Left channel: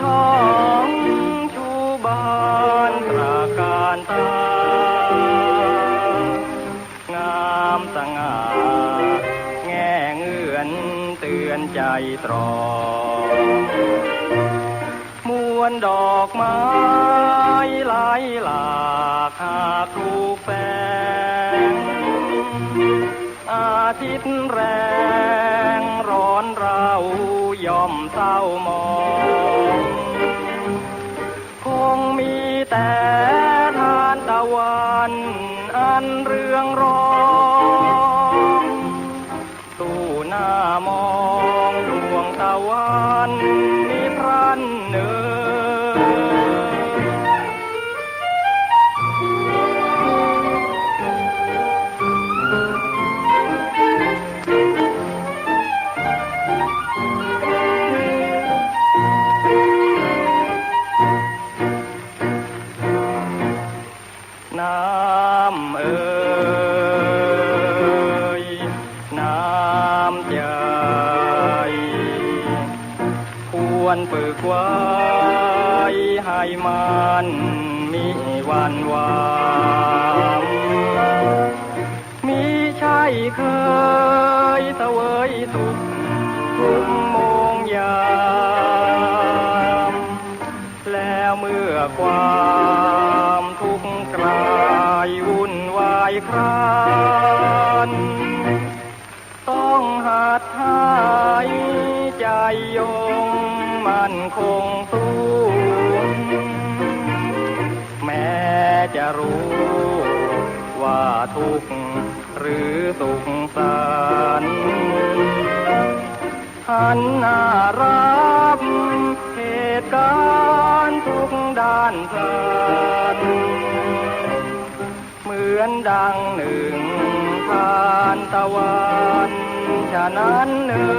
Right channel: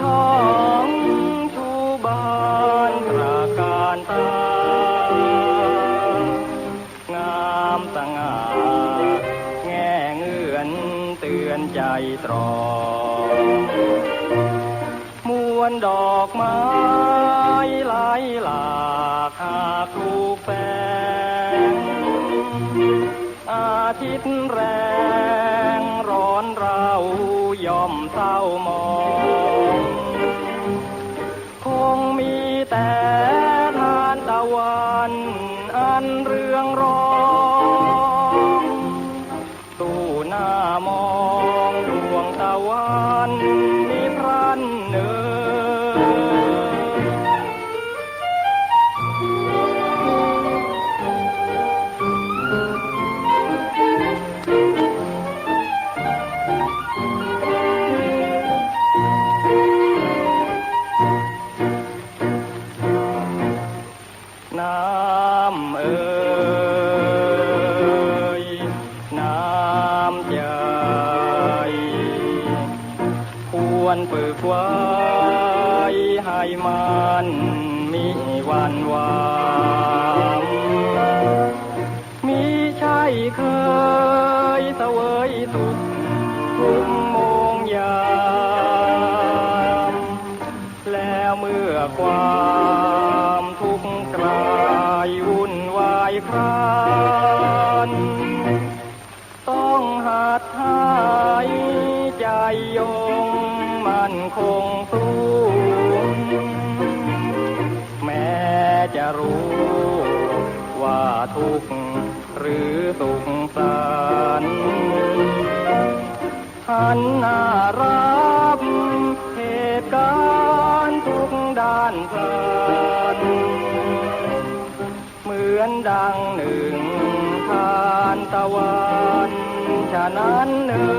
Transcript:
ช่องชูบานตราการตางามสง่าแง่เงื่อนเตือนใจตรองมวลดอกไม้หลายหลากหากรูแฟงอาทิตย์แรงร้อนเรายอมเศร้ามอ องรองตู้หน้ามองดวงตะวันมีพระ ควรฝึกไว้ให้มันมีวันวานมีใช่เคยเสวยสุขทุกโมงยามแล้วเมื่อความทุกข์กลายวุ่นวายครานต้องหัดหายใจโย มันคงสู้แม้จะรู้ว่าทุกข์หรือสุขสันต์หันหน้ารับเหตุการณ์ทุกด้านสันเหมือนดังหนึ่งทานตะวัน ฉะนั้นเอ่